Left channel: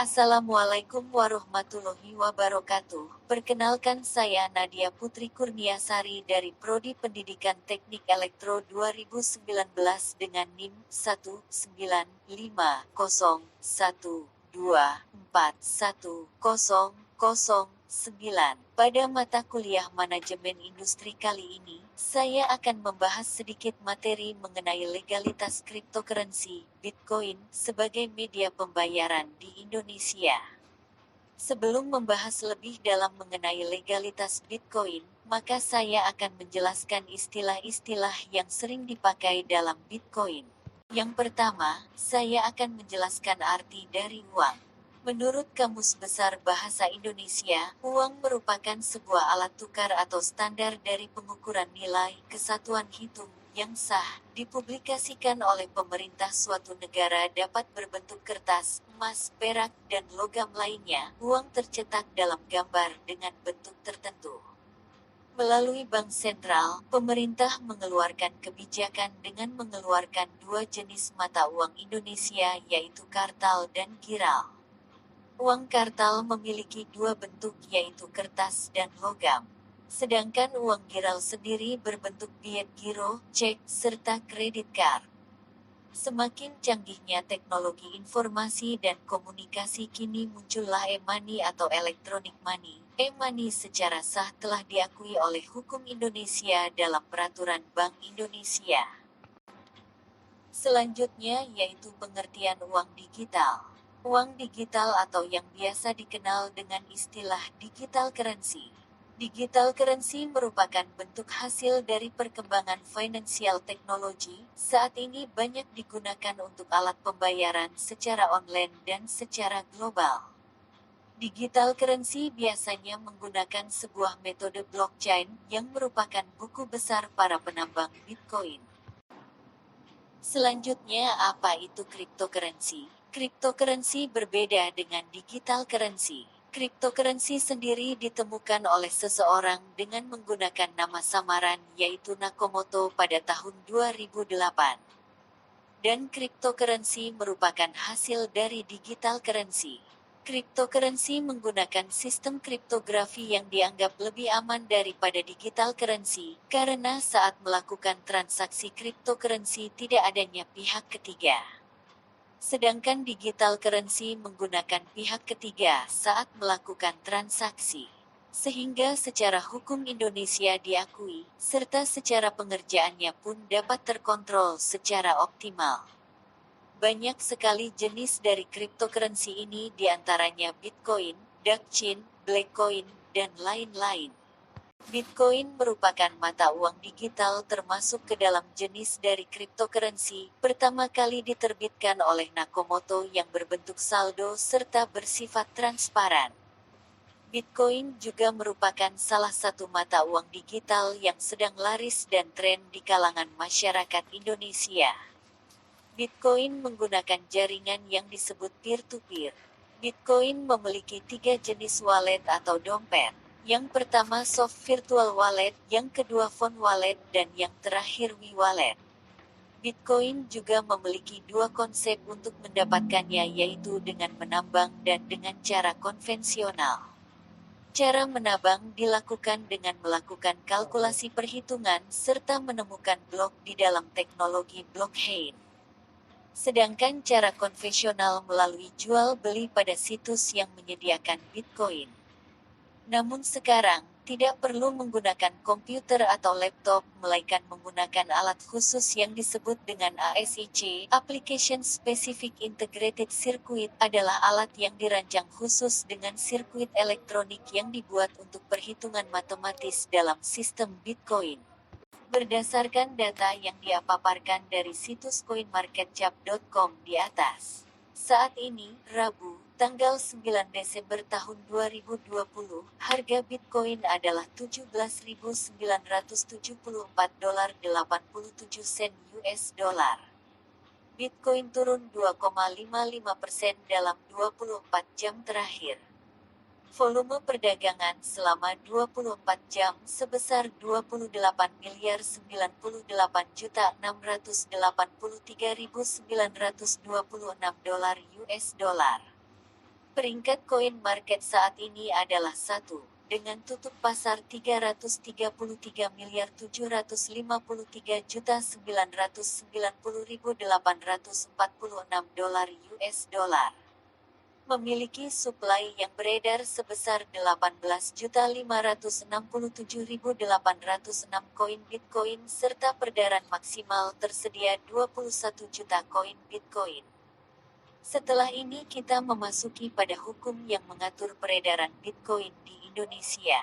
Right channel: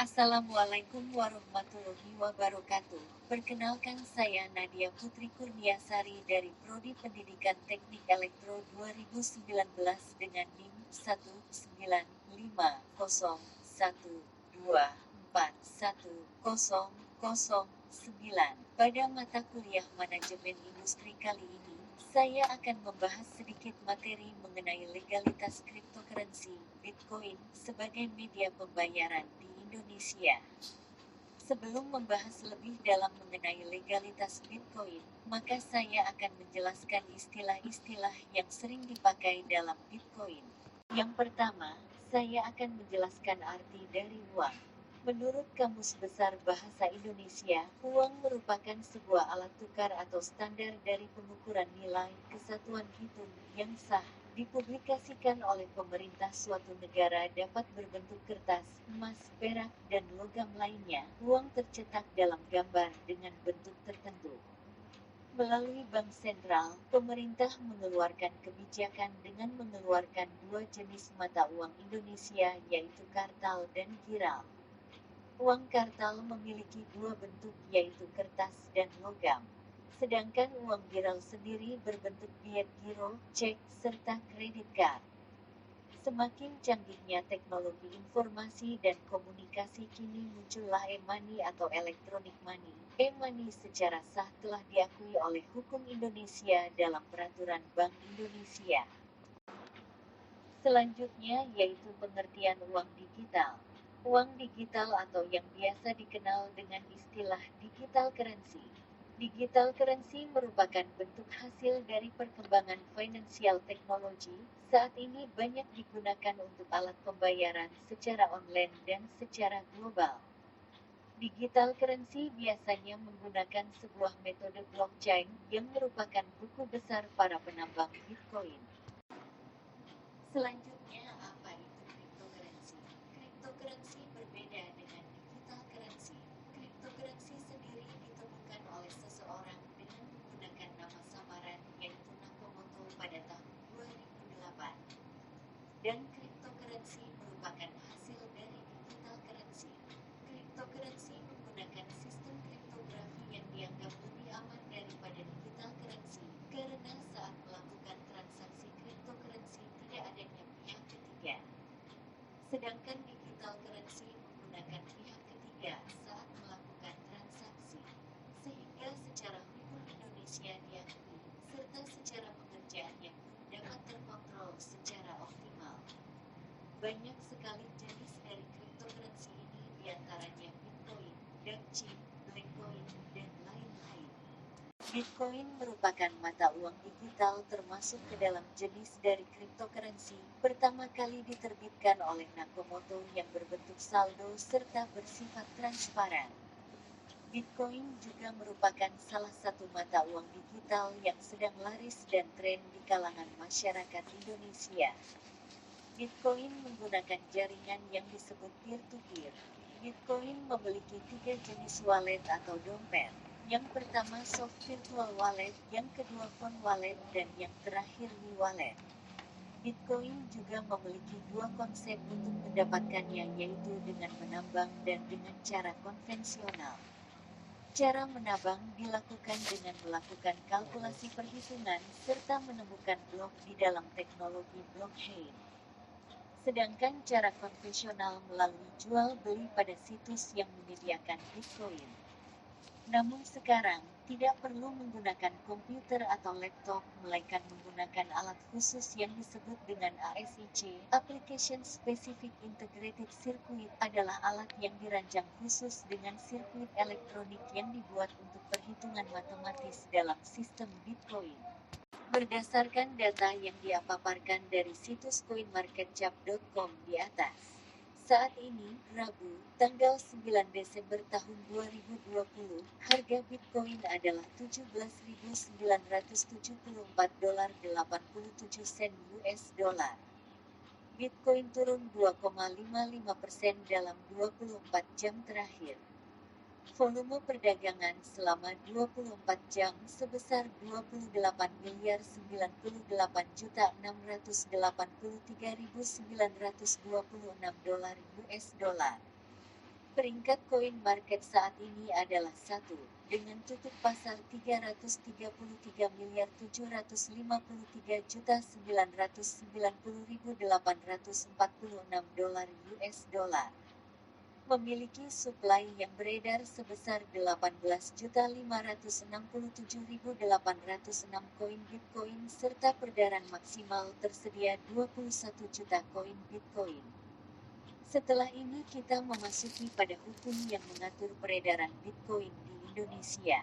Assalamualaikum warahmatullahi wabarakatuh. Perkenalkan saya Nadia Putri Kurniasari dari Prodi Pendidikan Teknik Elektro 2019 dengan NIM 19501241009. Pada mata kuliah Manajemen Industri kali ini, saya akan membahas sedikit materi mengenai legalitas cryptocurrency, Bitcoin, sebagai media pembayaran di Indonesia. Sebelum membahas lebih dalam mengenai legalitas Bitcoin, maka saya akan menjelaskan istilah-istilah yang sering dipakai dalam Bitcoin. Yang pertama, saya akan menjelaskan arti dari uang. Menurut Kamus Besar Bahasa Indonesia, uang merupakan sebuah alat tukar atau standar dari pengukuran nilai kesatuan hitung yang sah, dipublikasikan oleh pemerintah suatu negara dapat berbentuk kertas, emas, perak, dan logam lainnya. Uang tercetak dalam gambar dengan bentuk tertentu. Melalui Bank Sentral, pemerintah mengeluarkan kebijakan dengan mengeluarkan dua jenis mata uang Indonesia yaitu kartal dan giral. Uang kartal memiliki dua bentuk yaitu kertas dan logam. Sedangkan uang giral sendiri berbentuk biet giro, cek, serta kredit card. Semakin canggihnya teknologi informasi dan komunikasi kini muncullah e-money atau electronic money. E-money secara sah telah diakui oleh hukum Indonesia dalam peraturan Bank Indonesia. Selanjutnya yaitu pengertian uang digital. Uang digital atau yang biasa dikenal dengan istilah digital currency. Digital currency merupakan bentuk hasil dari perkembangan financial technology. Saat ini banyak digunakan untuk alat pembayaran secara online dan secara global. Digital currency biasanya menggunakan sebuah metode blockchain yang merupakan buku besar para penambang Bitcoin. Selanjutnya, apa itu cryptocurrency? Cryptocurrency berbeda dengan digital currency. Cryptocurrency sendiri ditemukan oleh seseorang dengan menggunakan nama samaran yaitu Nakamoto pada tahun 2008. Dan cryptocurrency merupakan hasil dari digital currency. Cryptocurrency menggunakan sistem kriptografi yang dianggap lebih aman daripada digital currency, karena saat melakukan transaksi cryptocurrency tidak adanya pihak ketiga. Sedangkan digital currency menggunakan pihak ketiga saat melakukan transaksi. Sehingga secara hukum Indonesia diakui, serta secara pengerjaannya pun dapat terkontrol secara optimal. Banyak sekali jenis dari cryptocurrency ini diantaranya Bitcoin, Dogecoin, Blackcoin, dan lain-lain. Bitcoin merupakan mata uang digital termasuk ke dalam jenis dari cryptocurrency, pertama kali diterbitkan oleh Nakamoto yang berbentuk saldo serta bersifat transparan. Bitcoin juga merupakan salah satu mata uang digital yang sedang laris dan tren di kalangan masyarakat Indonesia. Bitcoin menggunakan jaringan yang disebut peer-to-peer. Bitcoin memiliki 3 jenis wallet atau dompet. Yang pertama soft virtual wallet, yang kedua phone wallet, dan yang terakhir e-wallet. Bitcoin juga memiliki dua konsep untuk mendapatkannya yaitu dengan menambang dan dengan cara konvensional. Cara menambang dilakukan dengan melakukan kalkulasi perhitungan serta menemukan blok di dalam teknologi blockchain. Sedangkan cara konvensional melalui jual beli pada situs yang menyediakan Bitcoin. Namun sekarang, tidak perlu menggunakan komputer atau laptop, melainkan menggunakan alat khusus yang disebut dengan ASIC, Application Specific Integrated Circuit, adalah alat yang dirancang khusus dengan sirkuit elektronik yang dibuat untuk perhitungan matematis dalam sistem Bitcoin. Berdasarkan data yang dipaparkan dari situs coinmarketcap.com di atas. Saat ini, Rabu, tanggal 9 Desember tahun 2020, harga Bitcoin adalah $17.974,87 US dollar. Bitcoin turun 2,55% dalam 24 jam terakhir. Volume perdagangan selama 24 jam sebesar 28.098.683.926 dolar US dollar. Peringkat koin market saat ini adalah 1, dengan tutup pasar 333,753.990.846 dolar US dollar. Memiliki suplai yang beredar sebesar 18.567.806 koin Bitcoin serta peredaran maksimal tersedia 21 juta koin Bitcoin. Setelah ini kita memasuki pada hukum yang mengatur peredaran Bitcoin di Indonesia.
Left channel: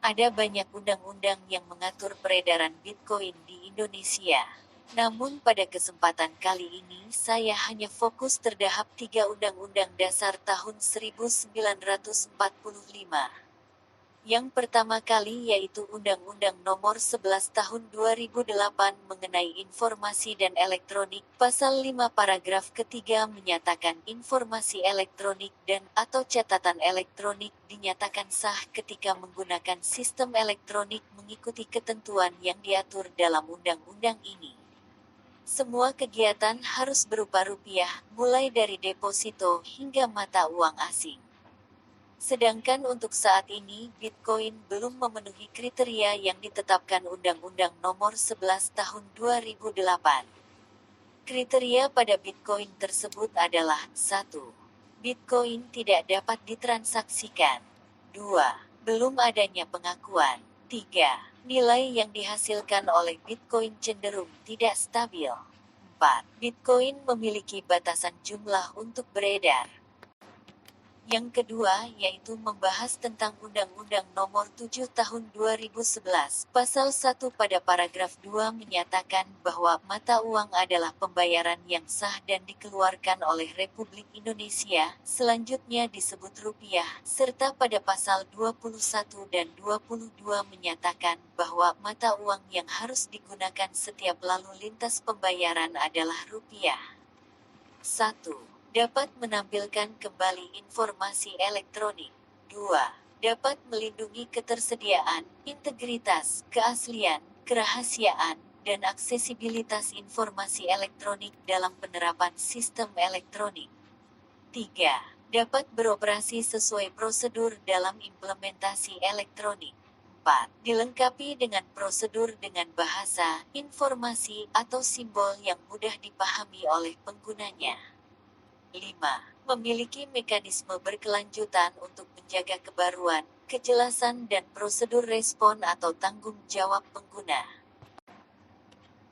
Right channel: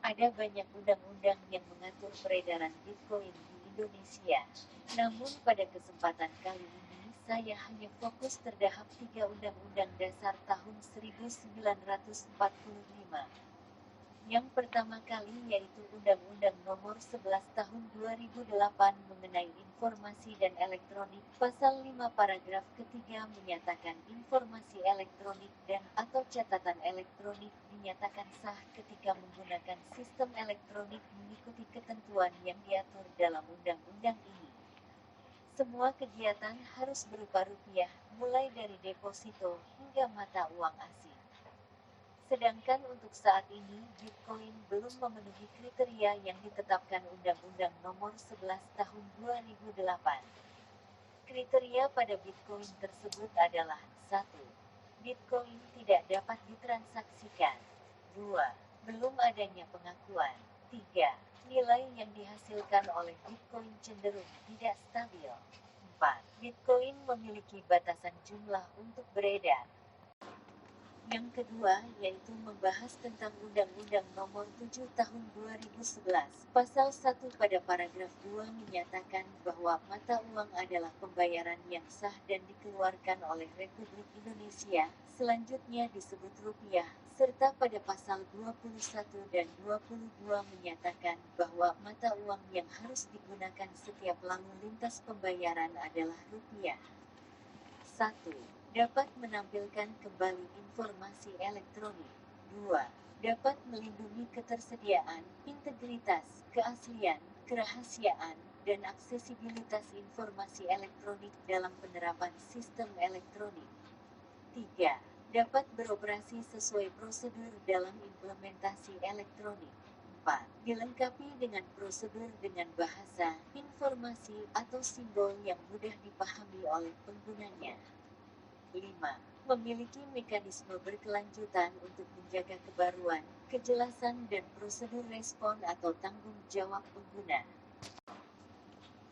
Ada banyak undang-undang yang mengatur peredaran Bitcoin di Indonesia. Namun pada kesempatan kali ini saya hanya fokus terhadap 3 undang-undang dasar tahun 1945. Yang pertama kali yaitu Undang-Undang Nomor 11 Tahun 2008 mengenai Informasi dan Elektronik, Pasal 5 Paragraf ketiga menyatakan informasi elektronik dan atau catatan elektronik dinyatakan sah ketika menggunakan sistem elektronik mengikuti ketentuan yang diatur dalam undang-undang ini. Semua kegiatan harus berupa rupiah, mulai dari deposito hingga mata uang asing. Sedangkan untuk saat ini, Bitcoin belum memenuhi kriteria yang ditetapkan Undang-Undang Nomor 11 Tahun 2008. Kriteria pada Bitcoin tersebut adalah 1. Bitcoin tidak dapat ditransaksikan. 2. Belum adanya pengakuan. 3. Nilai yang dihasilkan oleh Bitcoin cenderung tidak stabil. 4. Bitcoin memiliki batasan jumlah untuk beredar. Yang kedua yaitu membahas tentang Undang-Undang Nomor 7 Tahun 2011, Pasal 1 pada paragraf 2 menyatakan bahwa mata uang adalah pembayaran yang sah dan dikeluarkan oleh Republik Indonesia, selanjutnya disebut rupiah, serta pada pasal 21 dan 22 menyatakan bahwa mata uang yang harus digunakan setiap lalu lintas pembayaran adalah rupiah. 1. Dapat menampilkan kembali informasi elektronik. 2. Dapat melindungi ketersediaan, integritas, keaslian, kerahasiaan, dan aksesibilitas informasi elektronik dalam penerapan sistem elektronik. 3. Dapat beroperasi sesuai prosedur dalam implementasi elektronik. 4. Dilengkapi dengan prosedur dengan bahasa, informasi, atau simbol yang mudah dipahami oleh penggunanya. 5. Memiliki mekanisme berkelanjutan untuk menjaga kebaruan, kejelasan dan prosedur respon atau tanggung jawab pengguna.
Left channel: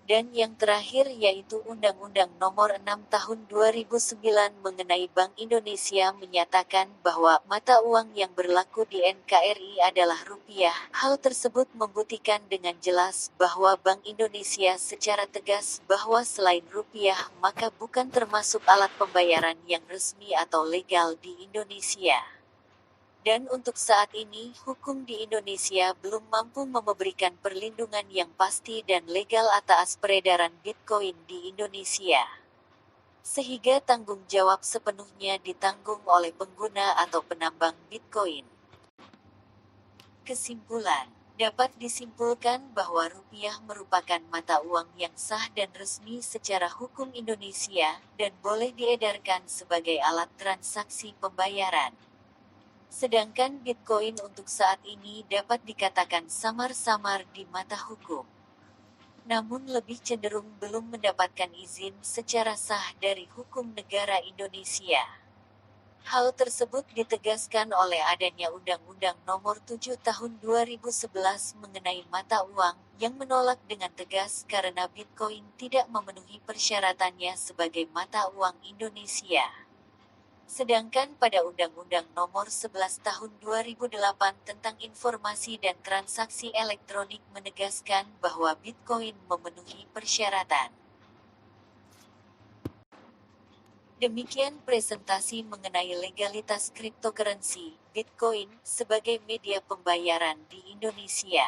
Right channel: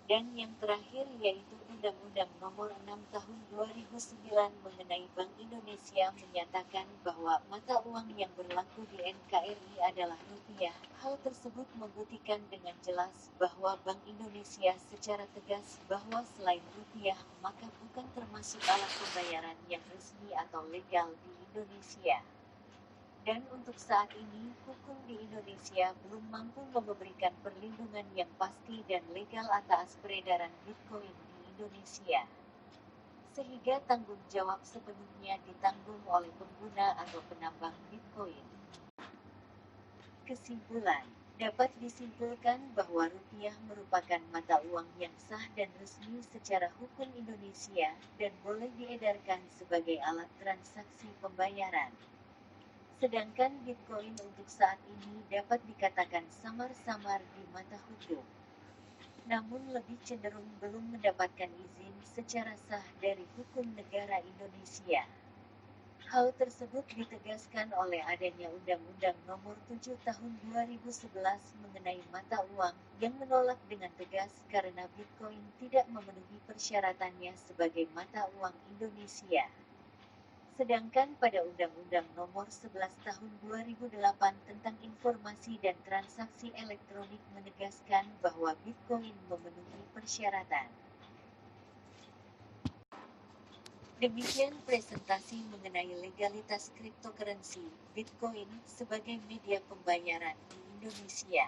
Dan yang terakhir yaitu Undang-Undang Nomor 6 Tahun 2009 mengenai Bank Indonesia menyatakan bahwa mata uang yang berlaku di NKRI adalah rupiah. Hal tersebut membuktikan dengan jelas bahwa Bank Indonesia secara tegas bahwa selain rupiah maka bukan termasuk alat pembayaran yang resmi atau legal di Indonesia. Dan untuk saat ini, hukum di Indonesia belum mampu memberikan perlindungan yang pasti dan legal atas peredaran Bitcoin di Indonesia. Sehingga tanggung jawab sepenuhnya ditanggung oleh pengguna atau penambang Bitcoin. Kesimpulan, dapat disimpulkan bahwa rupiah merupakan mata uang yang sah dan resmi secara hukum Indonesia, dan boleh diedarkan sebagai alat transaksi pembayaran. Sedangkan Bitcoin untuk saat ini dapat dikatakan samar-samar di mata hukum. Namun lebih cenderung belum mendapatkan izin secara sah dari hukum negara Indonesia. Hal tersebut ditegaskan oleh adanya Undang-Undang Nomor 7 Tahun 2011 mengenai mata uang, yang menolak dengan tegas karena Bitcoin tidak memenuhi persyaratannya sebagai mata uang Indonesia. Sedangkan pada Undang-Undang Nomor 11 Tahun 2008 tentang Informasi dan Transaksi Elektronik menegaskan bahwa Bitcoin memenuhi persyaratan. Demikian presentasi mengenai legalitas cryptocurrency, Bitcoin, sebagai media pembayaran di Indonesia.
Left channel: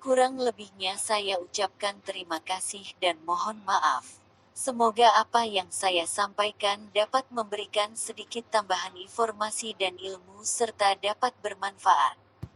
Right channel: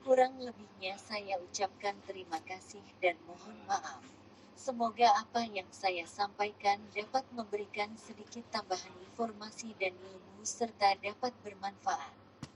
Kurang lebihnya saya ucapkan terima kasih dan mohon maaf. Semoga apa yang saya sampaikan dapat memberikan sedikit tambahan informasi dan ilmu serta dapat bermanfaat.